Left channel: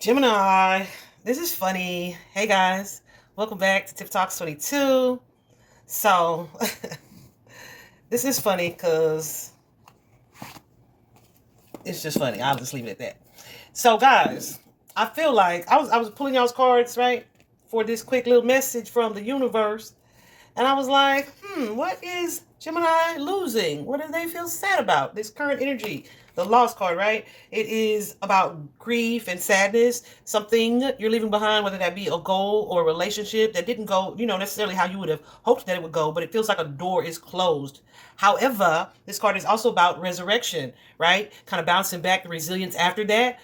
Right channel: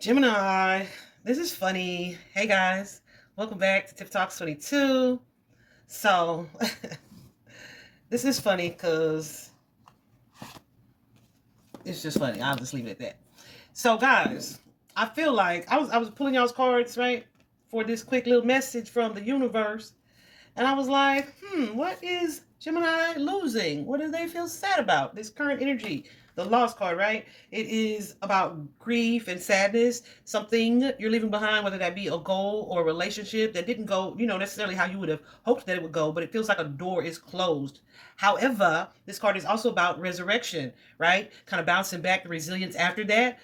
Gemini, this is funny. Hey guys, welcome back to Tip Talks 22. So, this is funny because it's just funny. I'll just leave it at that. So, guys, I feel like I was pulling y'all's cards, right, for this quick little message from the universe. And I was like, what is Gemini losing? What do they feel sad about? This current energy, the lost card, right? It is about grief and sadness, something you're leaving behind, whether that be a goal or a relationship that didn't go, necessarily how you would have hoped that it would go, but it feels like a door is closed. However, this card is also about resurrection, right? Kind of bouncing back, the resilience after that.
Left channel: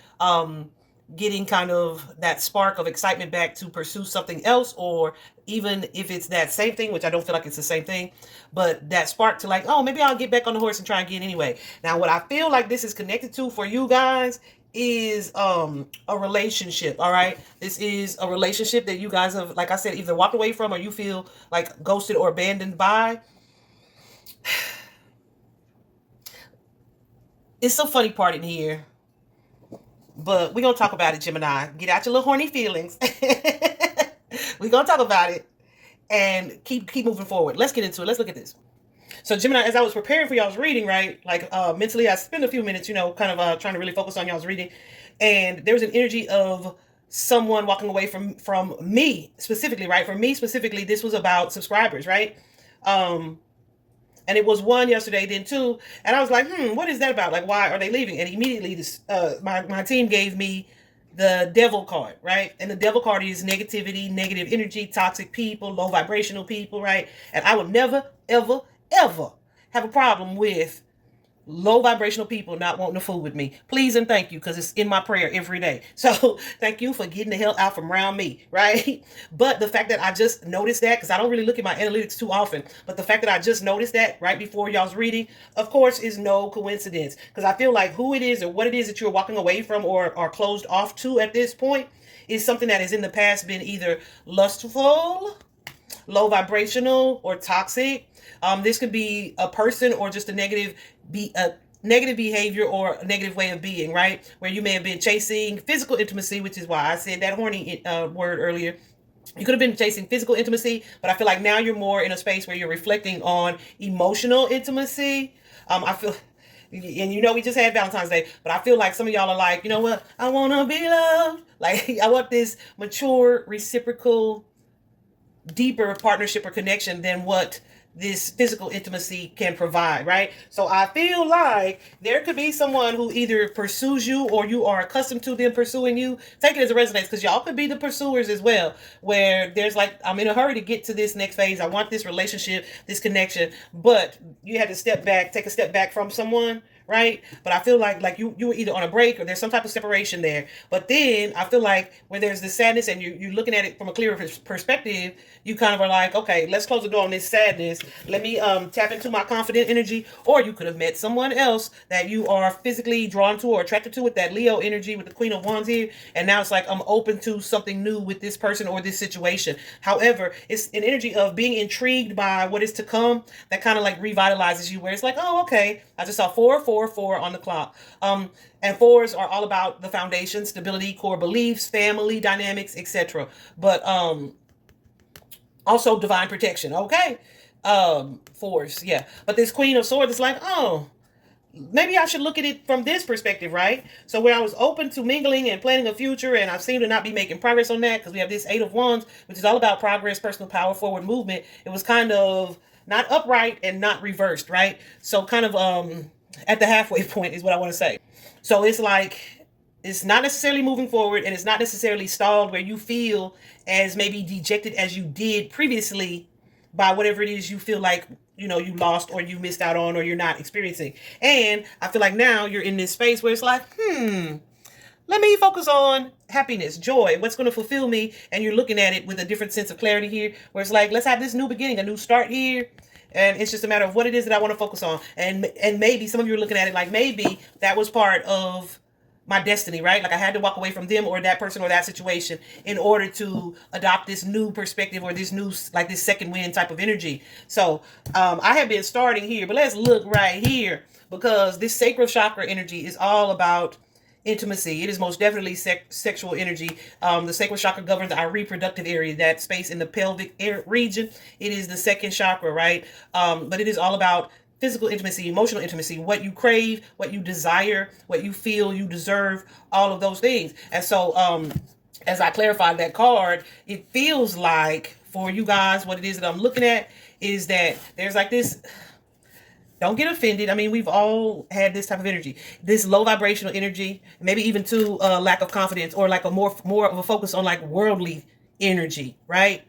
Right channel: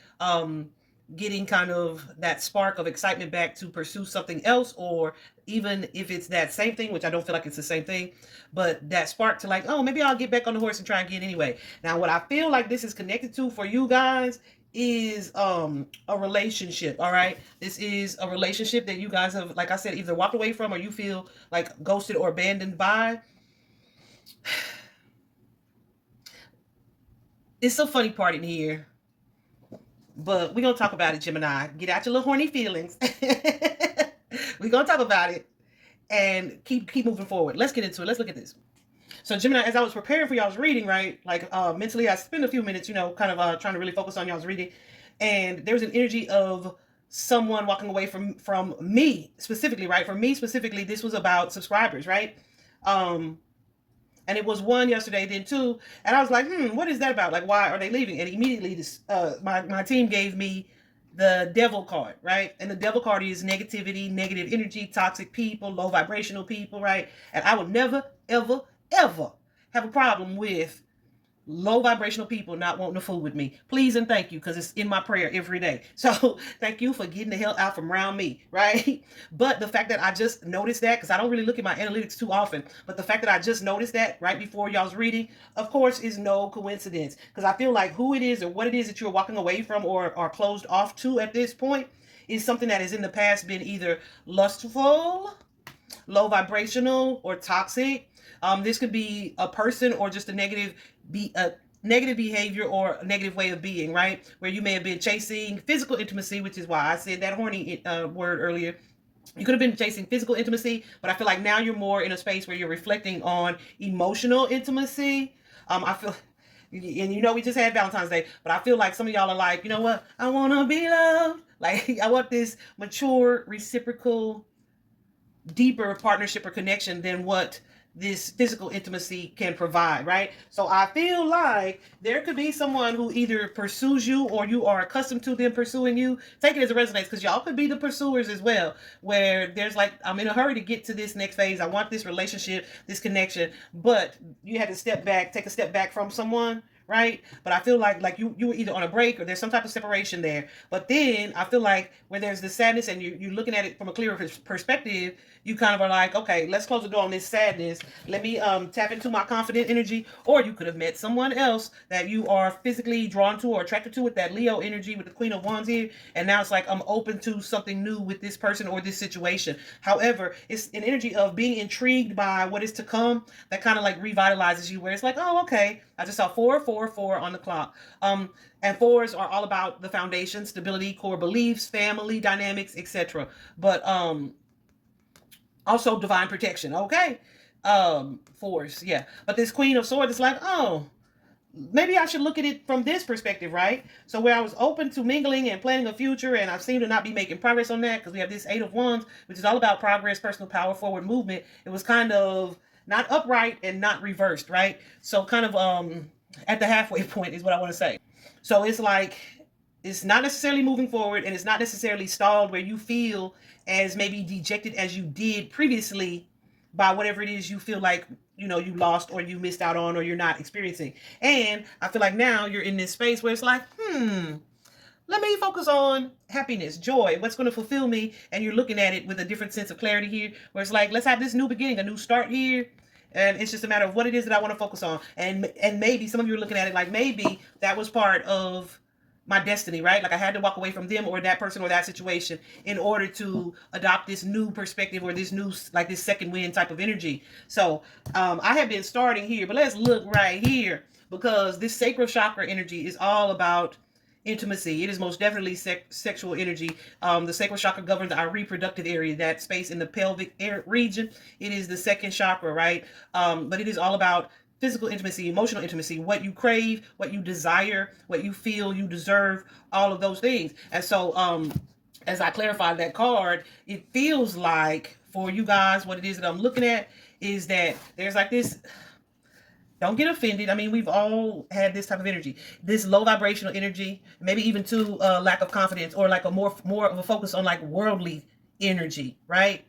Getting kind of that spark of excitement back to pursue something else, or even if it's that same thing, which I don't feel like it's the same thing, but that spark to like, oh, maybe I'll get back on the horse and try again anyway. Now, what I feel like this is connected to for you guys is a relationship. All right, this is a relationship that you guys have, like I said, either walked away from or you feel like ghosted or abandoned by. It's a funny part in here, but we're gonna talk about it, Gemini. Get out your little horny feelings. We're gonna talk about it and keep moving forward. Let's get into it. Let's look at this. So, Gemini, as I was preparing for y'all's reading, right, like mentally, I spent a few minutes, kind of trying to really focus on y'all's reading, and there was an energy of someone walking away from me specifically, right? For me specifically, this was about subscribers, right? And it was one yesterday, then two, and I was like, what is that about? Like, why are they leaving? And immediately, this my team gave me the devil card, right? And the devil card is negativity, negative energy, toxic people, low vibrational people, right? And I would never, ever, ever have a problem with low vibrational people not wanting to fool with me. Please and thank you, because it's in my prayer every day. So thank you for getting the hell out from around me, right? But the fact that I just noticed that, because I don't really look at my analytics too often, but the fact that I just noticed that right before y'all's reading, of course, is no coincidence. Because I feel like who it is or what it is that you're walking away from or are closed off to at this point is something that has in the past been either lustful, low vibrational, or toxic. This could be a person or just a negative behavior or a negative way of being, right? Where you may have been chasing physical intimacy, which is why I said that horny word earlier. You could have been chasing physical intimacy, but I feel like now you're more in a space where you're reflecting on emotional intimacy. I feel, and we just had Valentine's Day, but I feel like some of y'all are like, you know what? I want to be loved. Like, I want this mature, reciprocal, deeper partnership or connection than what this physical intimacy can provide, right? So I feel like there could be someone who either pursues you or you are accustomed to them pursuing you. Take it as a resonates, because y'all could be the pursuers as well, where there's like, I'm in a hurry to get to this next phase. I want this relationship, this connection, but you had to step back, take a step back from someone, right? But I feel like you were either on a break or there's some type of separation there. But then I feel like where there's the sadness and you're looking at it from a clearer perspective, you kind of are like, okay, let's close the door on this sadness. Let me tap into my confident energy. Or you could have met someone else that you are physically drawn to or attracted to with that Leo energy with the Queen of Wands here. And now it's like, I'm open to something new with this person or this situation. However, it's an energy of being intrigued by what is to come that kind of like revitalizes you, where it's like, oh, okay, I just saw 444 on the clock. And fours are all about the foundation, stability, core beliefs, family dynamics, etc. But also divine protection, okay? Fours, yeah. But this Queen of Swords is like, oh, maybe I should look at it from this perspective, right? So where I was open to mingling and planning a future, and I seem to not be making progress on that, because we have this Eight of Wands, which is all about progress, personal power, forward movement. It was kind of not upright and not reversed, right? So kind of at the halfway point is what I want to say. So it's like, it's not necessarily moving forward, and it's not necessarily stalled where you feel as maybe dejected as you did previously by whatever it is you feel like you lost or you missed out on or you're not experiencing. And I feel like now you're in this space where it's like, let me focus on happiness, joy, what's going to fulfill me. And you're looking at it with a different sense of clarity here, where it's like, let's have this new beginning, a new start here. And it's just a matter of what it is that I want to focus on. And maybe some of you are looking at it like, maybe that was part of my destiny, right? Like I had to walk away from them or that person or that situation in order to adopt this new perspective or this new, like this second wind type of energy. So I have been starting here, but let's look right here, because this sacral chakra energy is all about intimacy. It is most definitely sexual energy. The sacral chakra governs our reproductive area, that space in the pelvic region. It is the second chakra, right? But it is all about physical intimacy, emotional intimacy, what you crave, what you desire, what you feel you deserve, all of those things. And so, as I clarified that card, it feels like for you guys, what it is that I'm looking at is that there's like this. Don't get offended. I mean, we've all had this type of energy, this low vibrational energy, maybe even to lack of confidence, or like a more of a focus on like worldly energy, right?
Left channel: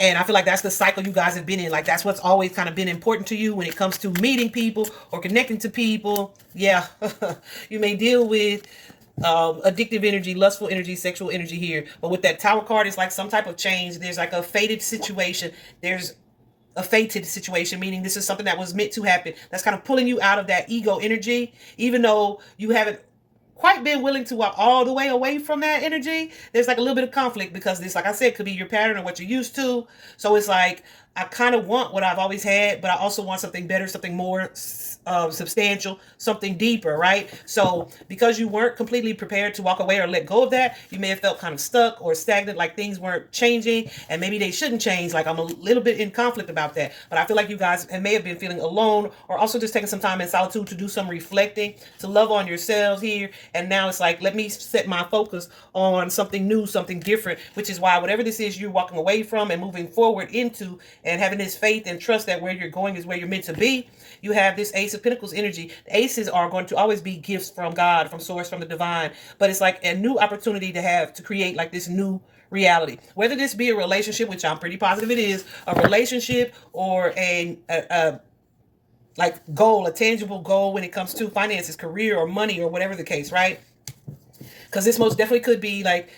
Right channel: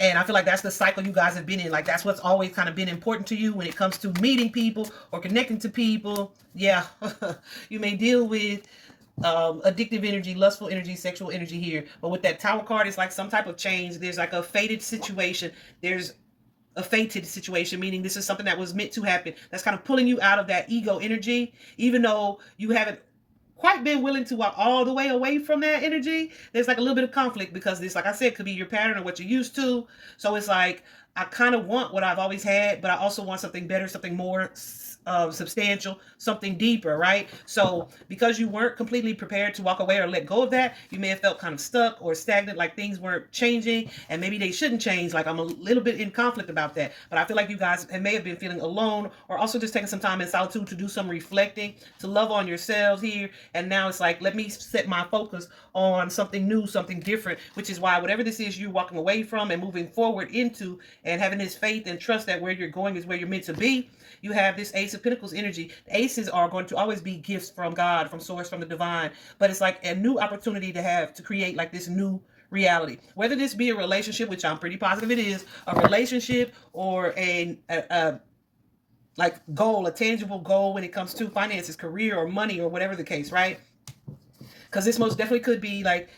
And I feel like that's the cycle you guys have been in. Like that's what's always kind of been important to you when it comes to meeting people or connecting to people. Yeah, you may deal with addictive energy, lustful energy, sexual energy here. But with that Tower card, it's like some type of change. There's like a fated situation. There's a fated situation, meaning this is something that was meant to happen. That's kind of pulling you out of that ego energy, even though you haven't quite been willing to walk all the way away from that energy. There's like a little bit of conflict because this, like I said, could be your pattern or what you're used to. So it's like, I kind of want what I've always had, but I also want something better, something more substantial, something deeper, right? So because you weren't completely prepared to walk away or let go of that, you may have felt kind of stuck or stagnant, like things weren't changing, and maybe they shouldn't change. Like I'm a little bit in conflict about that. But I feel like you guys may have been feeling alone, or also just taking some time in solitude to do some reflecting, to love on yourselves here. And now it's like, let me set my focus on something new, something different, which is why whatever this is you're walking away from and moving forward into, and having this faith and trust that where you're going is where you're meant to be. You have this Ace of Pentacles energy. The aces are going to always be gifts from God, from source, from the divine. But it's like a new opportunity to create like this new reality. Whether this be a relationship, which I'm pretty positive it is, a relationship, or a like goal, a tangible goal when it comes to finances, career, or money, or whatever the case, right? Because this most definitely could be like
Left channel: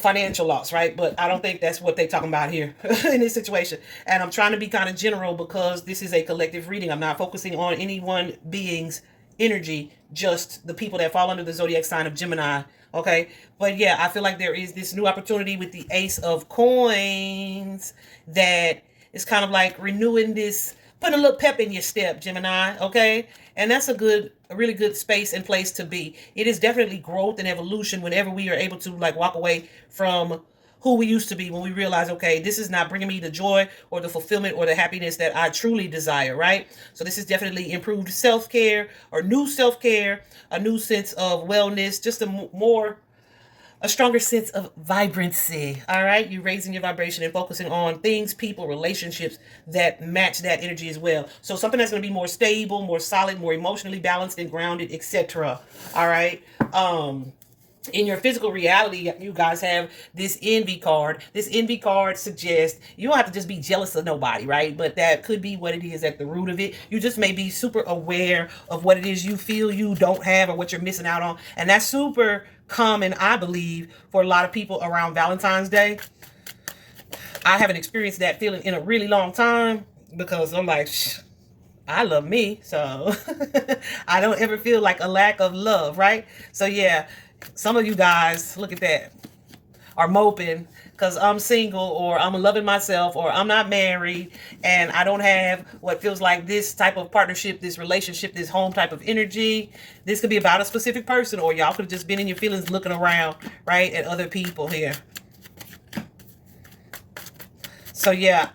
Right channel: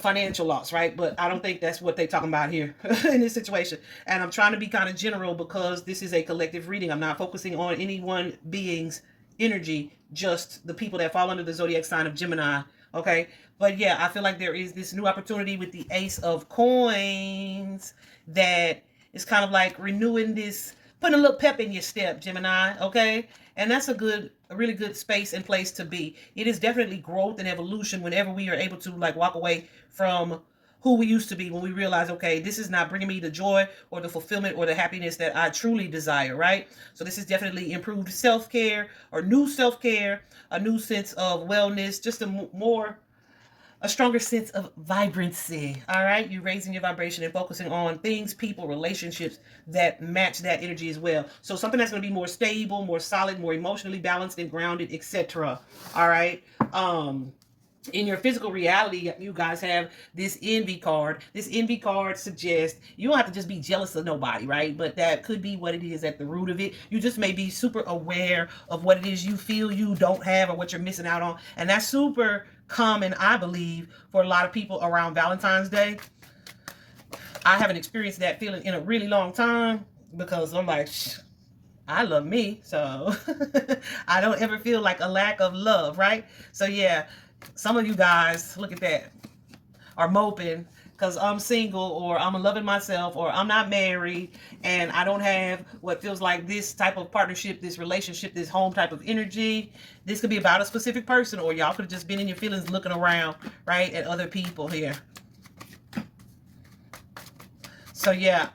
financial loss, right? But I don't think that's what they're talking about here in this situation. And I'm trying to be kind of general because this is a collective reading. I'm not focusing on any one being's energy, just the people that fall under the zodiac sign of Gemini. Okay. But yeah, I feel like there is this new opportunity with the Ace of Coins that is kind of like renewing this, putting a little pep in your step, Gemini. Okay. And that's a really good space and place to be. It is definitely growth and evolution whenever we are able to like walk away from who we used to be, when we realize, okay, this is not bringing me the joy or the fulfillment or the happiness that I truly desire, right? So this is definitely improved self-care, or new self-care, a new sense of wellness, just a stronger sense of vibrancy. All right, you're raising your vibration and focusing on things, people, relationships that match that energy as well. So something that's going to be more stable, more solid, more emotionally balanced and grounded, etc. All right. In your physical reality, you guys have this envy card. This envy card suggests you don't have to just be jealous of nobody, right? But that could be what it is at the root of it. You just may be super aware of what it is you feel you don't have or what you're missing out on. And that's super common, I believe, for a lot of people around Valentine's Day. I haven't experienced that feeling in a really long time because I'm like, I love me. So I don't ever feel like a lack of love, right? So yeah. Some of you guys, look at that, are moping because I'm single, or I'm loving myself, or I'm not married, and I don't have what feels like this type of partnership, this relationship, this home type of energy. This could be about a specific person, or y'all could have just been in your feelings looking around, right, at other people here. So yeah,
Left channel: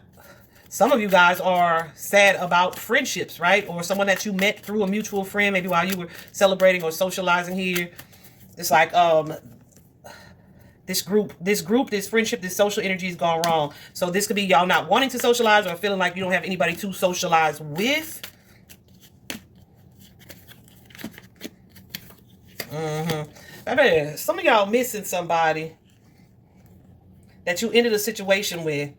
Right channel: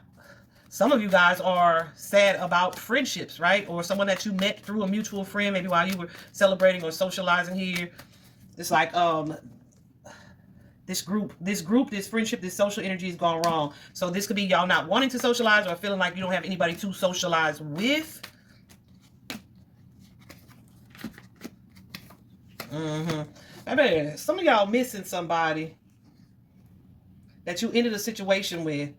some of you guys are sad about friendships, right? Or someone that you met through a mutual friend, maybe while you were celebrating or socializing here. It's like this friendship, this social energy has gone wrong. So this could be y'all not wanting to socialize or feeling like you don't have anybody to socialize with. I bet some of y'all missing somebody that you ended a situation with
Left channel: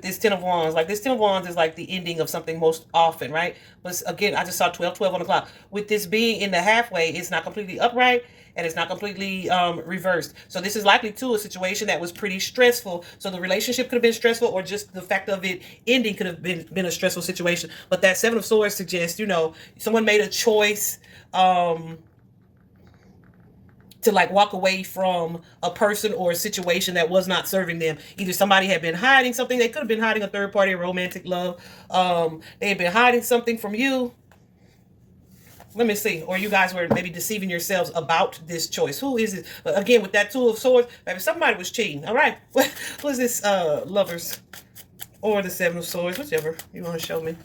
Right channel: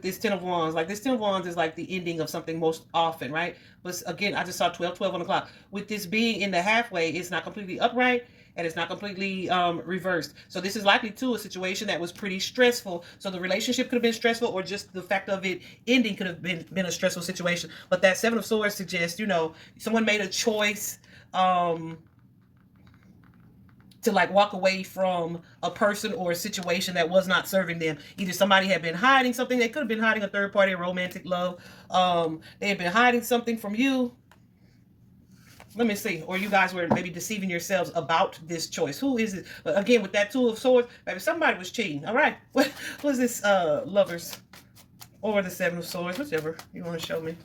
this Ten of Wands. Like this Ten of Wands is like the ending of something most often, right? But again, I just saw 12 on the clock. With this being in the halfway, it's not completely upright, and it's not completely reversed. So this is likely too a situation that was pretty stressful. So the relationship could have been stressful, or just the fact of it ending could have been a stressful situation. But that Seven of Swords suggests, you know, someone made a choice to like walk away from a person or a situation that was not serving them. Either somebody had been hiding something. They could have been hiding a third party, romantic love. They had been hiding something from you. Let me see. Or you guys were maybe deceiving yourselves about this choice. Who is it? But again, with that Two of Swords, maybe somebody was cheating. All right. What was this? Lovers or the Seven of Swords, whichever you want to show me.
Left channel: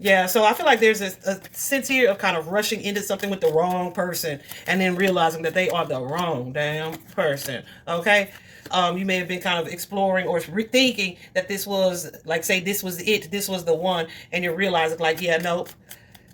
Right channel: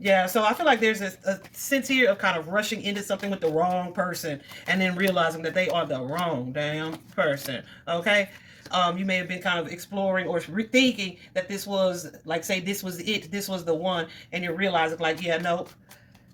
Yeah, so I feel like there's a sense here of kind of rushing into something with the wrong person and then realizing that they are the wrong damn person, okay? You may have been kind of exploring or rethinking that this was, like, say, this was it, this was the one, and you're realizing, like, yeah, nope,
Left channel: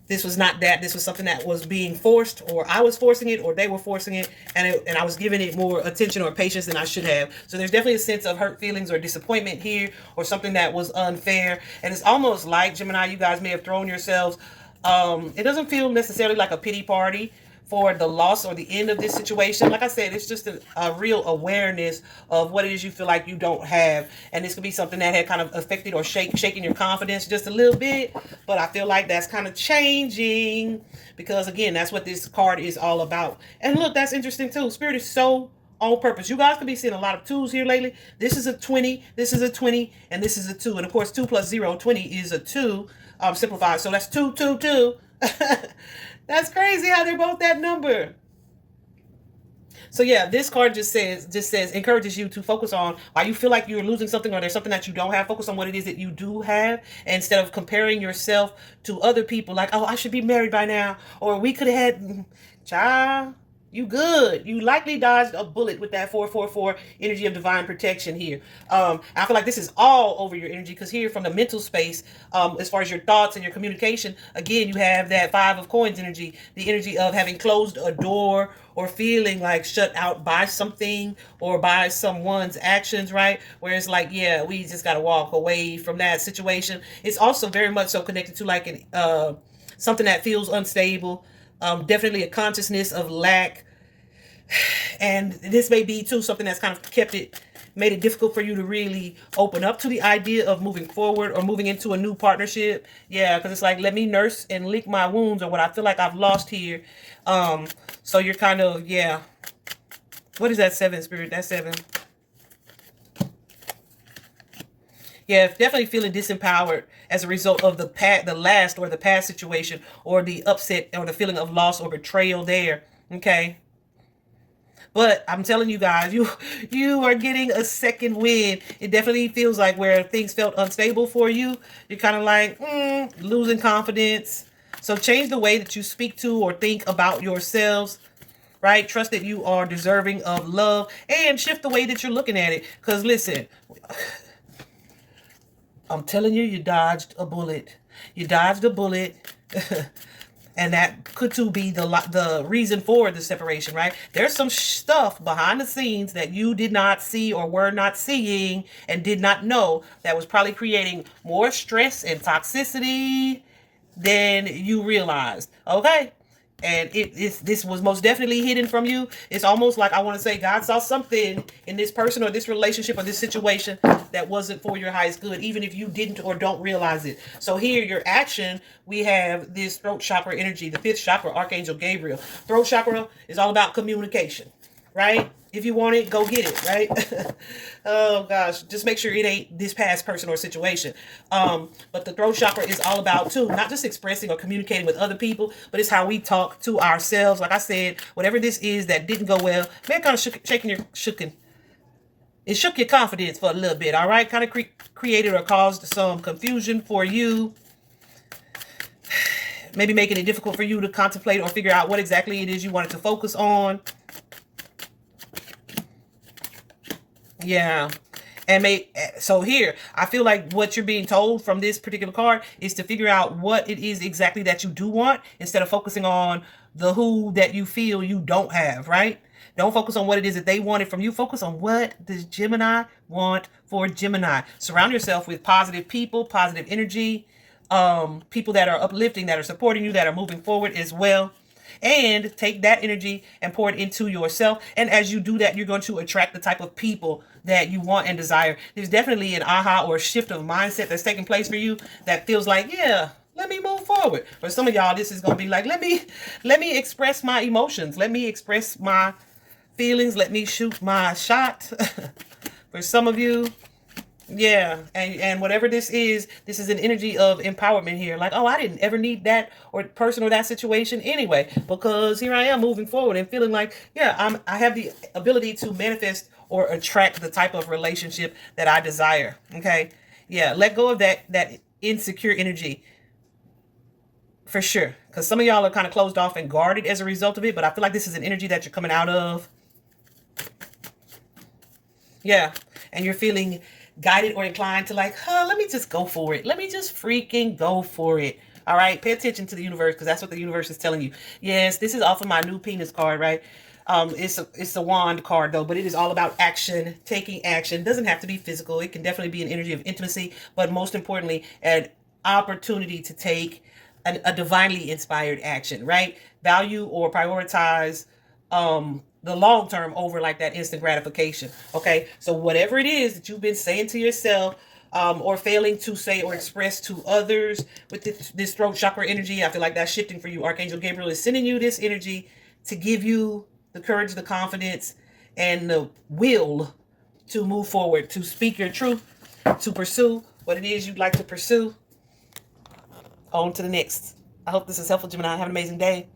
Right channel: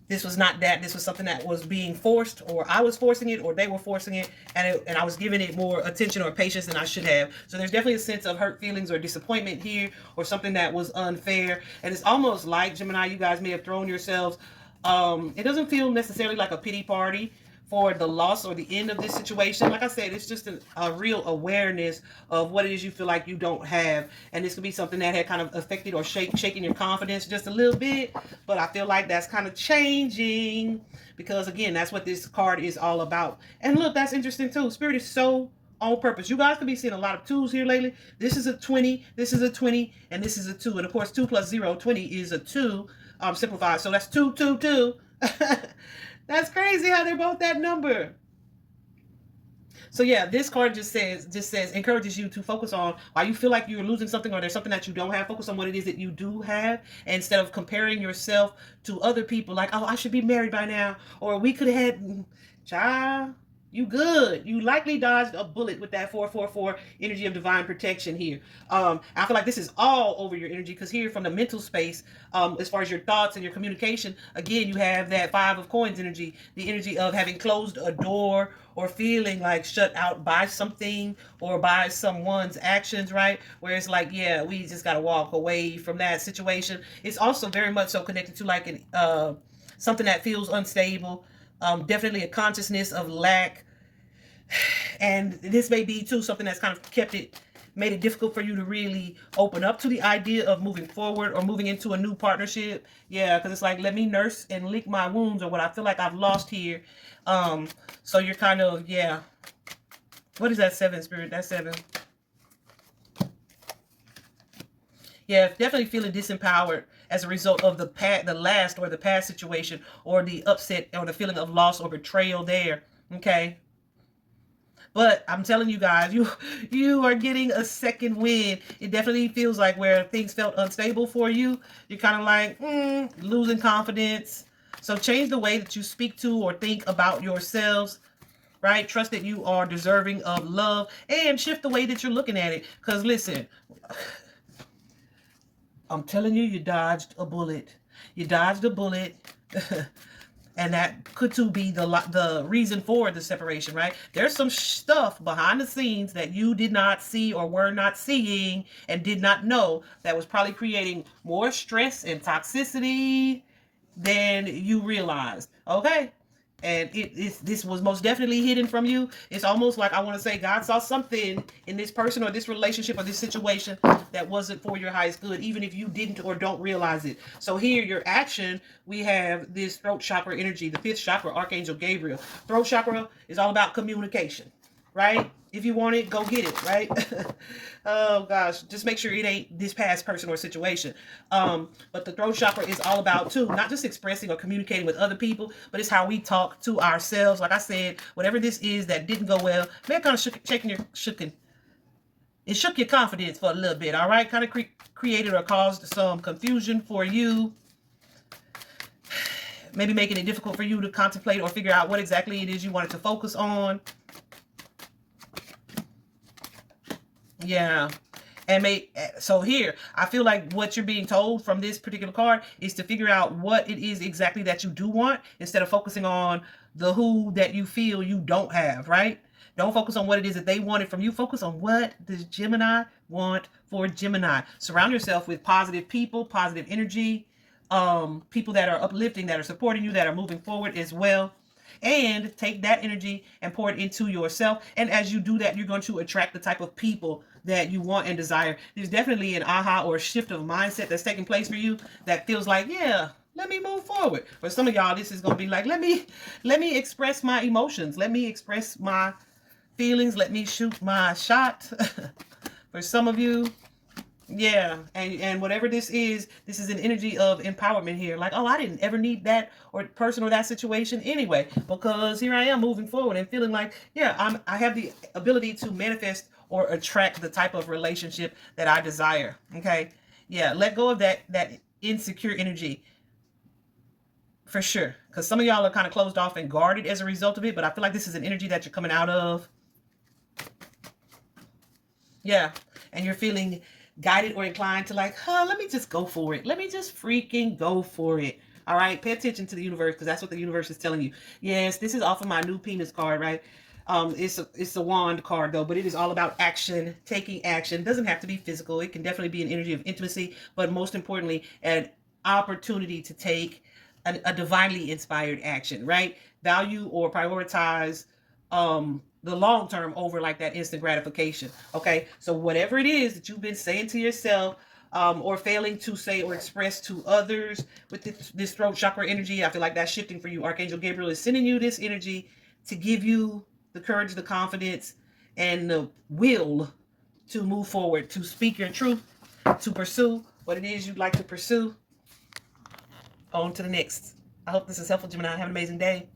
this was not that. This was something that was being forced, or I was forcing it, or they were forcing it, and I was giving it more attention or patience than I should have. So there's definitely a sense of hurt feelings or disappointment here, or something that was unfair. And it's almost like, Gemini, you guys may have thrown yourselves. It doesn't feel necessarily like a pity party for the loss or the end of this situation. Like I said, it's just a real awareness of what it is you feel like you don't have. And this could be something that had kind of affected or shaking your confidence just a little bit. But I feel like that's kind of changing because, again, that's what this card is all about. And look, that's interesting too. Spirit is so on purpose. You guys could be seeing a lot of twos here lately. This is a 20, this is a 20, and this is a 2. And of course, 2 plus 0, 20 is a 2, simplified. So that's 2, 2, 2. That's crazy how they're both that number. So yeah, this card just says, encourages you to focus on why you feel like you're losing something or there's something that you don't have. Focus on what it is that you do have, and instead of comparing yourself to other people, like, oh, I should be married by now, or we could have had, child, you good. You likely dodged a bullet with that 444 energy of divine protection here. I feel like this is all over your energy because here from the mental space, as far as your thoughts and your communication, again, you have that 5 of coins energy, the energy of having closed a door or feeling like shut out by something or by someone's actions, right? Where it's like, yeah, we just got to walk away from that situation. It's also very much so connected to like something that feels unstable. Definitely a consciousness of lack. And this may be too something that's kind of made it difficult for you to really open up to the idea of moving forward or moving into a new partnership. Yeah, because it's like, let me nurse and lick my wounds or what I feel like I've lost here. So you're kind of, yeah. What is that 7, Spirit? That's 7. Yeah, definitely feeling disempowered as a result of the past situation or the upset or the feeling of loss or betrayal there. Okay. But I'm telling you guys, you are getting a second win. It definitely feels like where things felt unstable for you, you're kind of like losing confidence. So change the way that you speak to or think about yourselves, right? Trust that you are deserving of love and shift the way that you're looking at it. Because listen, I'm telling you, you dodged a bullet. You dodged a bullet. And that could too be the reason for the separation, right? There's some stuff behind the scenes that you did not see or were not seeing and did not know that was probably creating more stress and toxicity than you realized, okay? And this was most definitely hidden from you. It's almost like, I want to say, God saw something in this person or this relationship or this situation that wasn't for your highest good, even if you didn't or don't realize it. So here, your action, we have this throat chakra energy, the 5th chakra, Archangel Gabriel. Throat chakra is all about communication, right? If you want it, go get it, right? Oh gosh, just make sure it ain't this past person or situation. But the throat chakra is all about too, not just expressing or communicating with other people, but it's how we talk to ourselves. Like I said, whatever this is that didn't go well, man, kind of it shook your confidence for a little bit, all right? Kind of created or caused some confusion for you. Maybe making it difficult for you to contemplate or figure out what exactly it is you wanted to focus on. Yeah. And so here, I feel like what you're being told from this particular card is to figure out what it is exactly that you do want instead of focusing on the who that you feel you don't have, right? Don't focus on what it is that they wanted from you. Focus on what does Gemini want for Gemini. Surround yourself with positive people, positive energy, people that are uplifting, that are supporting you, that are moving forward as well. And take that energy and pour it into yourself. And as you do that, you're going to attract the type of people that you want and desire. There's definitely an aha or a shift of mindset that's taking place for you that feels like, yeah, let me move forward. For some of y'all, this is going to be like, let me express my emotions. Let me express my feelings. Let me shoot my shot. For some of you, Yeah, and whatever this is an energy of empowerment here. Like, oh, I didn't ever need that or person or that situation anyway, because here I am moving forward and feeling like, yeah, I have the ability to manifest or attract the type of relationship that I desire. Okay, yeah, let go of that insecure energy for sure, because some of y'all are kind of closed off and guarded as a result of it. But I feel like this is an energy that you're coming out of. Yeah. And you're feeling guided or inclined to like, let me just go for it. Let me just freaking go for it. All right. Pay attention to the universe, because that's what the universe is telling you. Yes, this is off of my new penis card, right? It's a wand card though, but it is all about action, taking action. It doesn't have to be physical. It can definitely be an energy of intimacy, but most importantly, an opportunity to take a divinely inspired action, right? Value or prioritize the long term over like that instant gratification. Okay, so whatever it is that you've been saying to yourself, or failing to say or express to others with this throat chakra energy, I feel like that's shifting for you. Archangel Gabriel is sending you this energy to give you the courage, the confidence, and the will to move forward, to speak your truth, to pursue what it is you'd like to pursue. On to the next. I hope this is helpful, Gemini. Have an amazing day.